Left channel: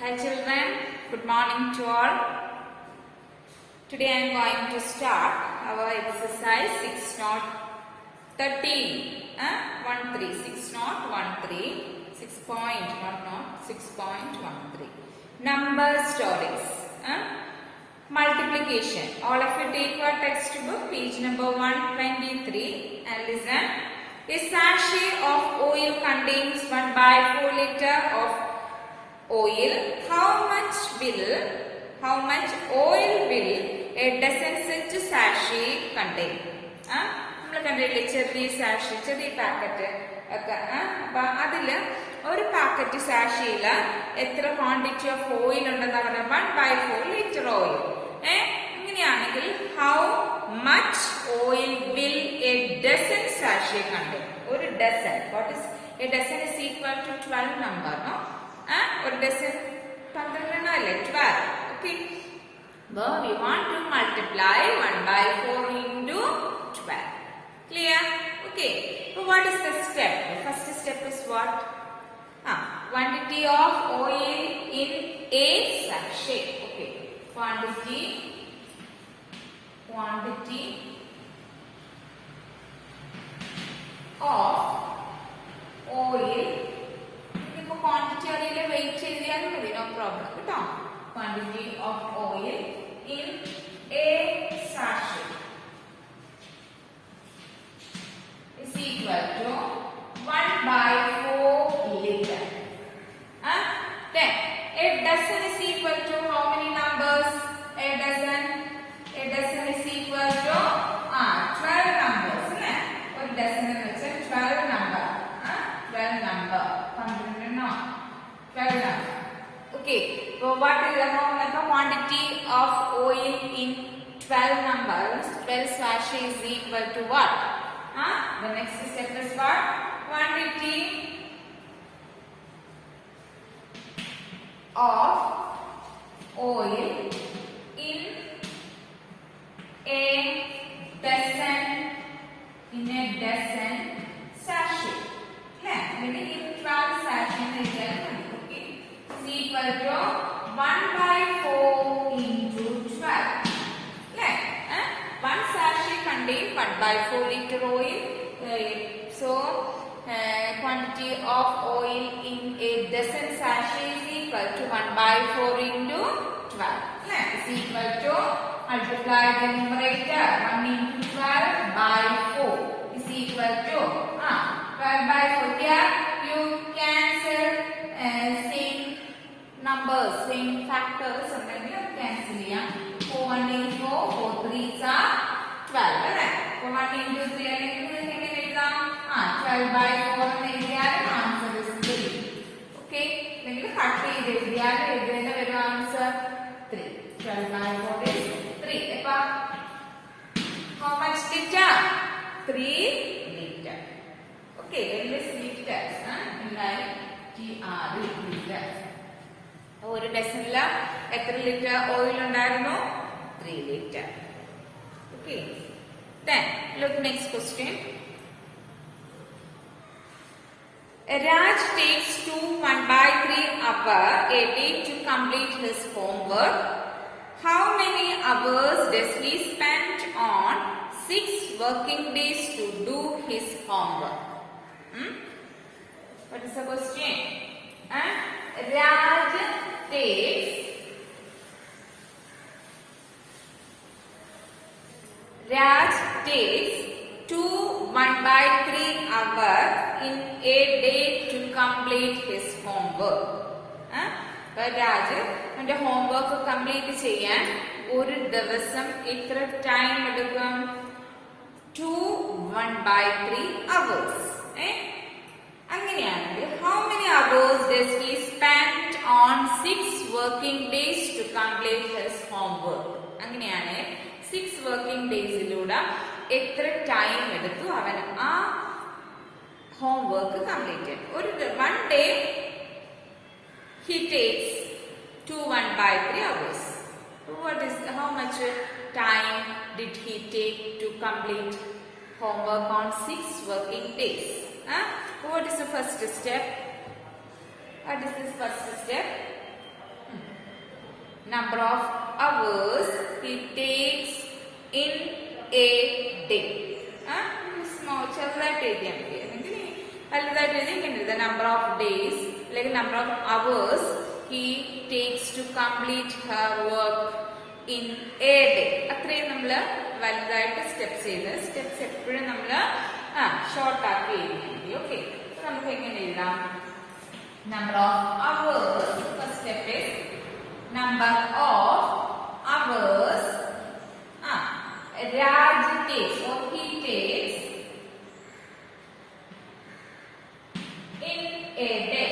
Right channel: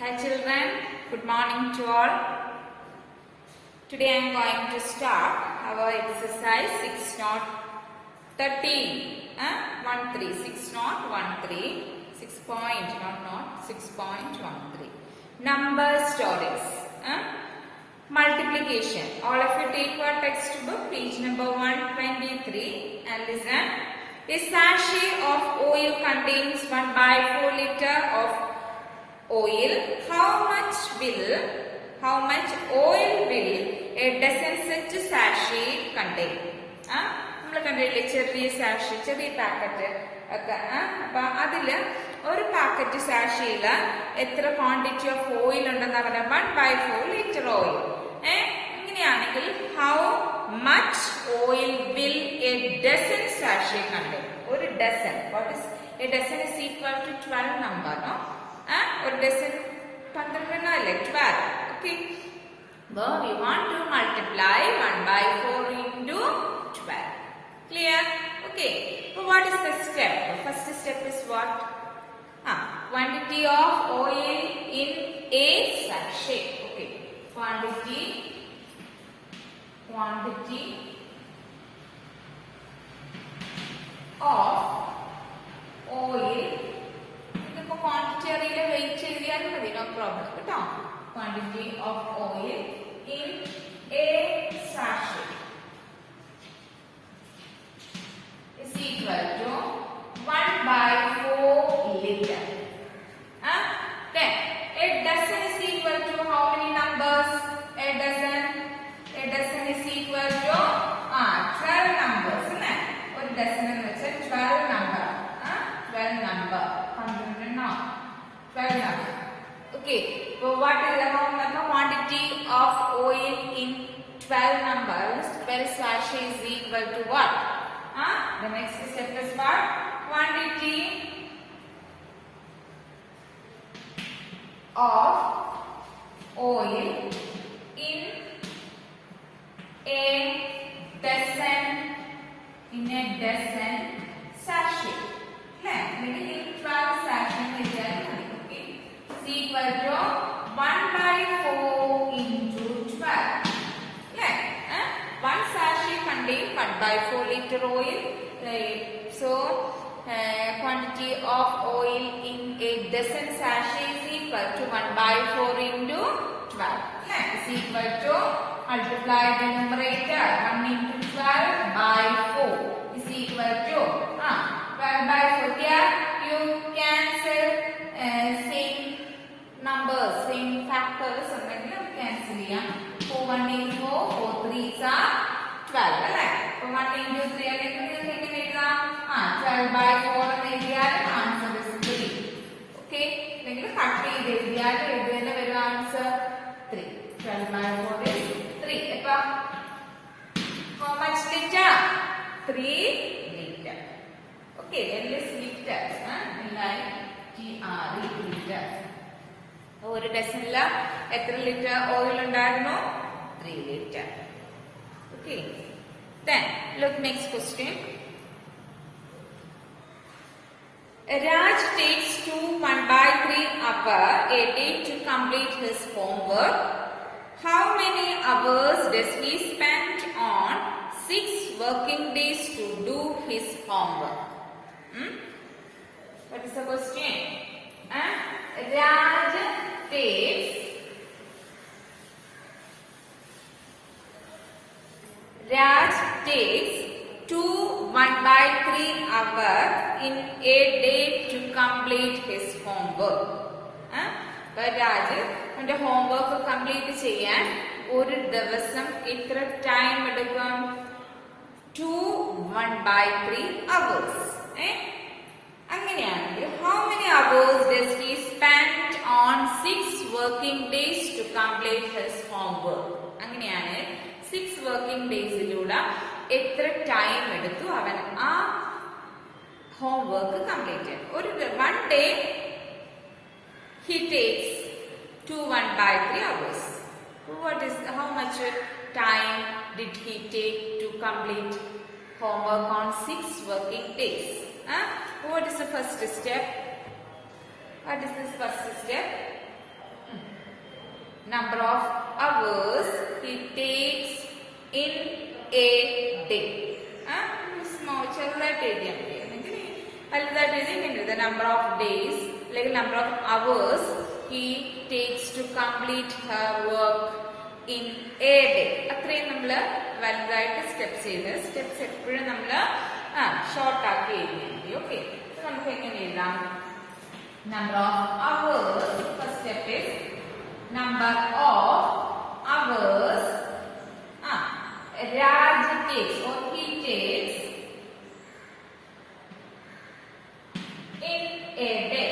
Hi children, good morning to all. Today I am going to start our exercise 6 not 13. 6 not 13. 6 point, not 6.13. Number stories. Multiplication. All of you take your textbook, page number 123 and listen. A sachet of oil contains 1/4 liter of oil. How much oil will a dozen such sachet contain? നമ്മൾ കണ്ടില്ലേ ചെറിയ സാഷി, ചെറിയ packet ഒക്കെ. അപ്പൊ അതില് ഒരു packet സാഷിയില് എത്ര quantity of oil ഉണ്ടെന്ന് പറഞ്ഞാൽ 1/4 ലിറ്റർ ഓയിൽ. അങ്ങനെയാണെങ്കിൽ how much oil will a dozen sachet contain? ഒരു dozen, what is a dozen is equal to 12 number, no? ഒരു ഡസൻ 12 അല്ലേ, 12. Okay, we want to multiply 1/4 into 12. Clear? Okay. So what is the step? The first step is what? Quantity of oil in a sachet. Okay. Quantity of oil. If quantity അറിയില്ല, weight എഴുതിയാലും മതി, no problem. കേട്ടോ? Quantity of oil in a sachet is equal to 1/4 liter. Then a dozen is equal to how many numbers? A dozen is equal to 12 numbers. Or dozen എന്ന് വെച്ചാൽ 12 number. 12 number. 12 number. Okay. So what is the quantity of oil in 12 numbers? 12 sachet is equal to what? The next step is what? Quantity of oil in a dozen sachet. In 12 sachet is equal to 1/4 into 12. One sachet contains 1/4 liter oil. So quantity of oil in a dozen sachet is equal to 1/4 into 12. Is equal to, multiply the numerator, 1 into 12 by 4 is equal to 12/4. Here you cancel same numbers, same factors ഉണ്ടെങ്കിൽ cancel ചെയ്യാം. 4 1 is 4, 4 3s are 12 അല്ലേ? 1 into 3 അല്ലെങ്കിൽ നിങ്ങൾക്ക് എങ്ങനെ എഴുതാം? 12/4 എന്ന് എഴുതിയാലും answer is 3. Okay, അല്ലെങ്കിൽ കട്ട് ചെയ്ത് എഴുതിയാലും എഴുതുന്നതിന് വരും ആൻസർ 3. 12/4 is 3. അപ്പൊ how much liter? 3 liter. Okay, endless liters. liter. ഒരു ഡസനില് എത്ര ലിറ്റർ ഓയിൽ ഉണ്ടായിരുന്നു? 3 liter. Okay. Then look next question. Raj takes 1/3 hour a day to complete his homework. How many hours does he spend on 6 working days to do his homework? What is the question? Raj takes 1/3 hour in a day to complete his homework. Raj അവന്റെ homework complete ചെയ്യാൻ ഒരു ദിവസം എത്ര time എടുക്കും? 1/3 hours. അങ്ങനെയാണെങ്കിൽ how many hours does he spend on 6 working days to complete his homework? അങ്ങനെയാണ് 6 working daysലൂടെ എത്ര time എടുത്തു അവൻ ആ ഹോംവർക്ക് കംപ്ലീറ്റ് ചെയ്യാൻ? ഒരു 1 day he takes 1/3 hours. How much time did he take to complete homework on 6 working days? What is the first step? What is this first step? number of hours he takes in a day. Small, ചെറുതായിട്ട് എഴുതിയാൽ മതി. അല്ലെങ്കിൽ വലുതായിട്ട് എഴുതി the number of days അല്ലെങ്കിൽ number of hours he takes to complete her work in a day. അത്രയും നമ്മൾ വലുതായിട്ട് സ്റ്റെപ്സ് ചെയ്ത് സ്റ്റെപ്സ് എപ്പോഴും നമ്മൾ ഷോർട്ട് ആക്കി എഴുതിയാൽ മതി. ഓക്കെ, നമുക്ക് എങ്ങനെ എഴുതാം? Number of hours, first step is number of hours Raj takes or he takes in a day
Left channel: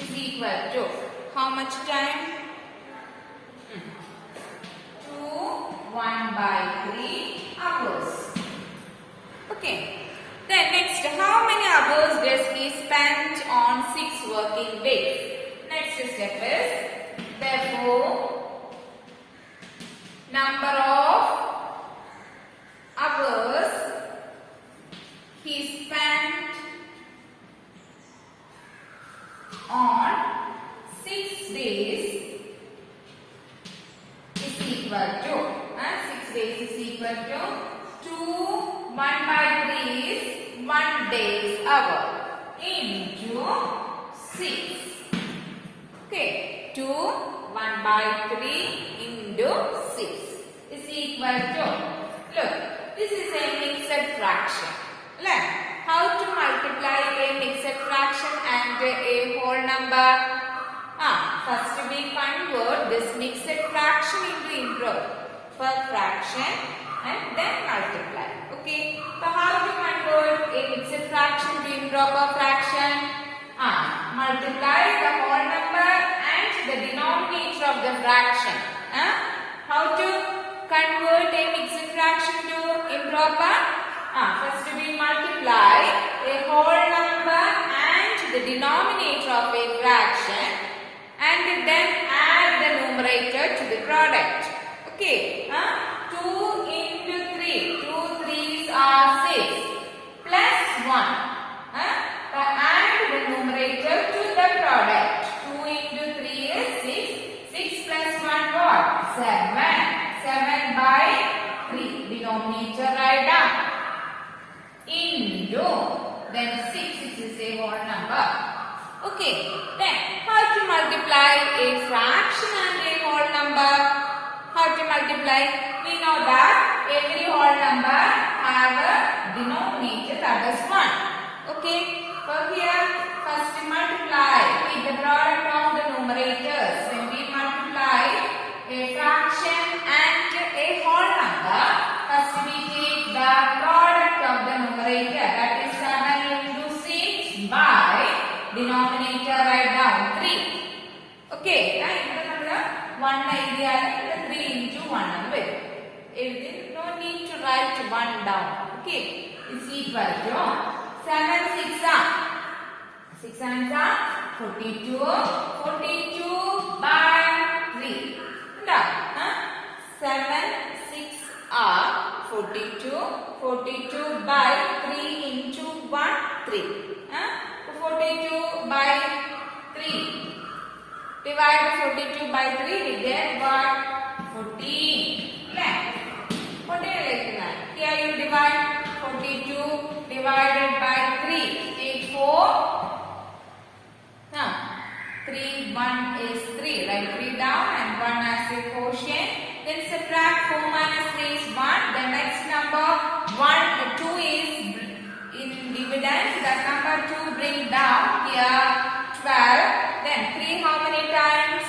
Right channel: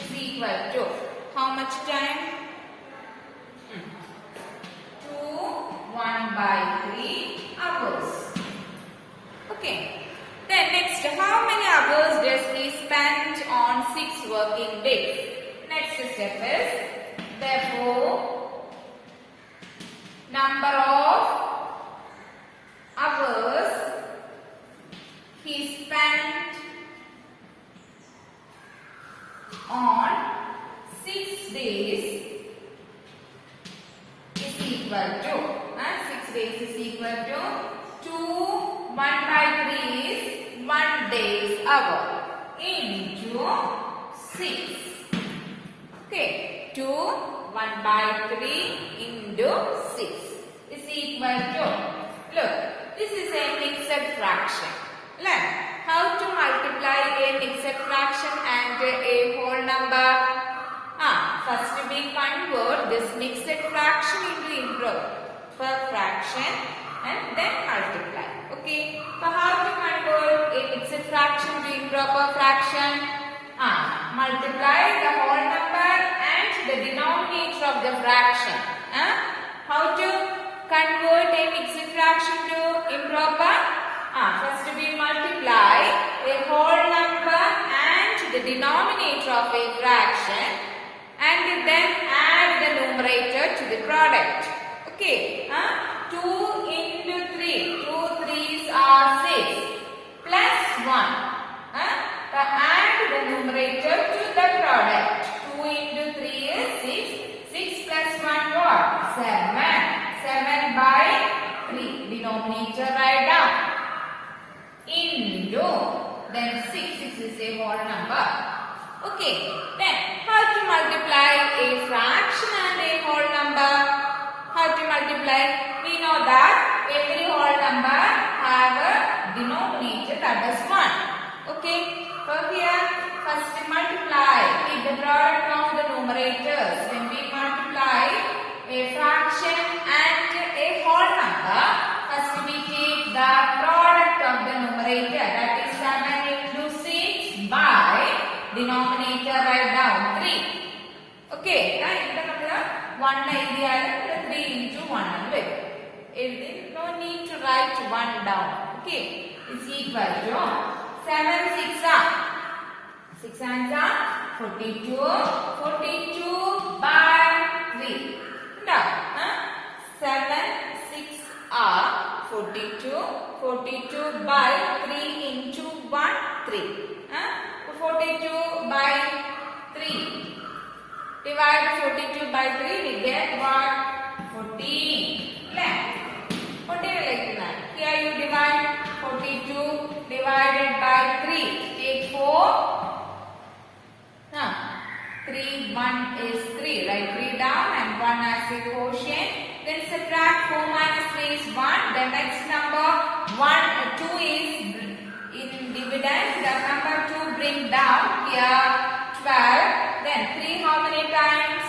is equal to how much time? 1/3 hours. Okay. Then next, how many hours does he spend on 6 working days? Next step is, therefore, number of hours he spent on 6 days is equal to 6 days is equal to 1/3 is 1 day's hour into 6. Okay, 1/3 into 6 is equal to, look, this is a mixed fraction. Learn how to multiply a mixed fraction and a whole number. First we convert this mixed fraction into improper fraction and then multiply. Okay, so how to convert a mixed fraction to improper fraction? Multiply the whole number and the denominator of the fraction. How to convert a mixed fraction to improper? First we multiply a whole number and the denominator of a fraction and then add the numerator to the product. Okay, 2 into 3, 2 3s are 6 plus 1. Add the numerator to the product. 2 into 3 is 6. 6 plus 1 what? 7. 7/3. Denominator write down. Into. Then 6 is a whole number. Okay. Then how to multiply a fraction and a whole number? How to multiply? We know that every whole number have a denominator that is 1. Okay. So here first multiply with the product of the numerators. When we multiply a fraction and a whole number, first we take the product of the numerator, that is 7 into 6 by denominator write down 3. Okay, now ഇവിടെ നമ്മൾ 1 എഴുതിയാലും 3 into 1 ആണ് വരും. No need to write 1 down. Okay, is equal to 7 6 6 7s are 42. 42/3. 7 6 are 42. 42/3 into 1 3. 42/3. Divide 42/3, we get what? 14. What do you like that? Here you divide 42 divided by 3. Take 4. 3, 1 is 3. Write 3 down and 1 as a quotient. Then subtract 4 minus 3 is 1. The next number 2 is in dividend. That number 2 bring down here 12. Then 3 how many times?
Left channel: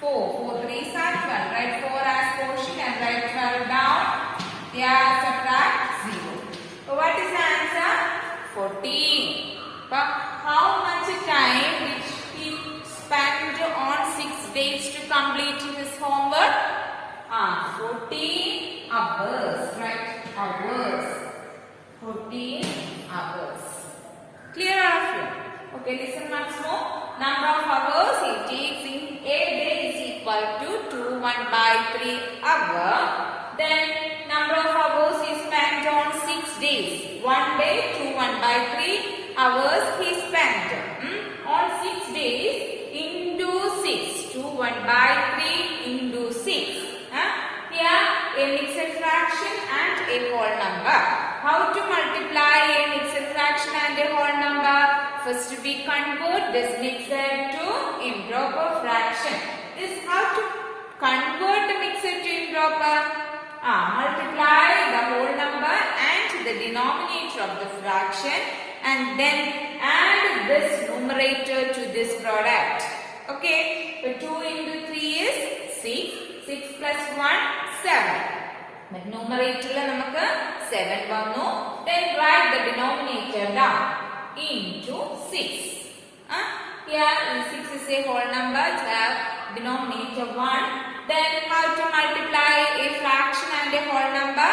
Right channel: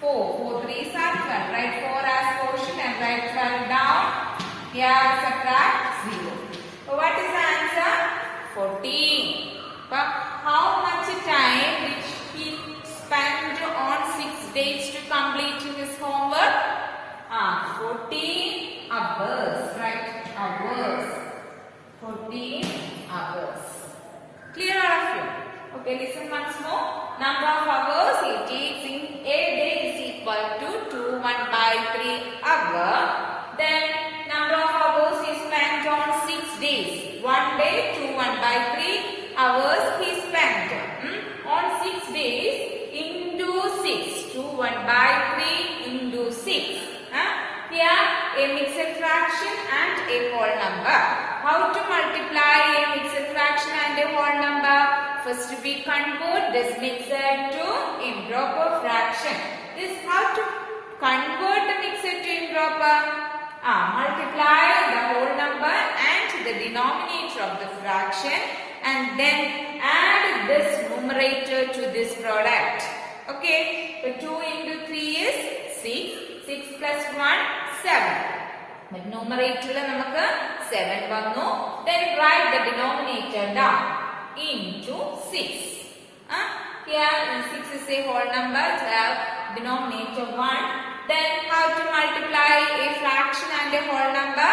4. 4 3s are 12. Write 4 as quotient and write 12 down. Here subtract 0. So what is the answer? 14. But how much time which he spent on 6 days to complete his homework? 14 hours. Right? Hours. 14 hours. Clear all of you? Okay, listen once more. Number of hours he takes in a day is equal to 1/3 hour. Then number of hours he spent on 6 days. 1 day to 1/3 hours he spent on 6 days to 1 by 3 into 6. Here a mixed fraction and a whole number. How to multiply a mixed fraction and a whole number? First we convert this mixed to improper fraction. This how to convert the mixed to improper? Multiply the whole number and the denominator of the fraction and then add this numerator to this product. Okay, so 2 into 3 is 6. 6 plus 1, 7. But numerator namukku 7 vannu. Then write the denominator down into 6. Here 6 is a whole number, so have denominator 1. Then how to multiply a fraction and a whole number?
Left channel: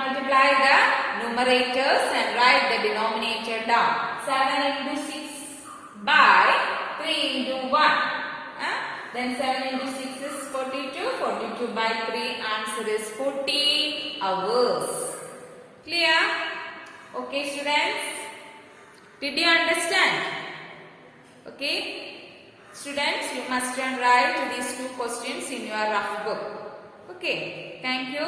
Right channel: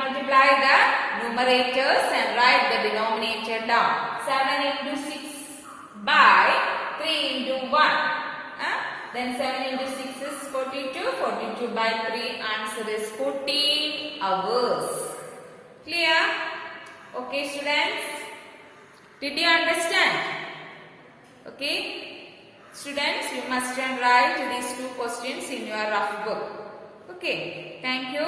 Multiply the numerators and write the denominator down. 7 into 6 by 3 into 1. Then 7 into 6 is 42. 42 by 3, answer is 40 hours. Clear? Okay, students? Did you understand? Okay? Students, you must write these 2 questions in your rough book. Okay, thank you.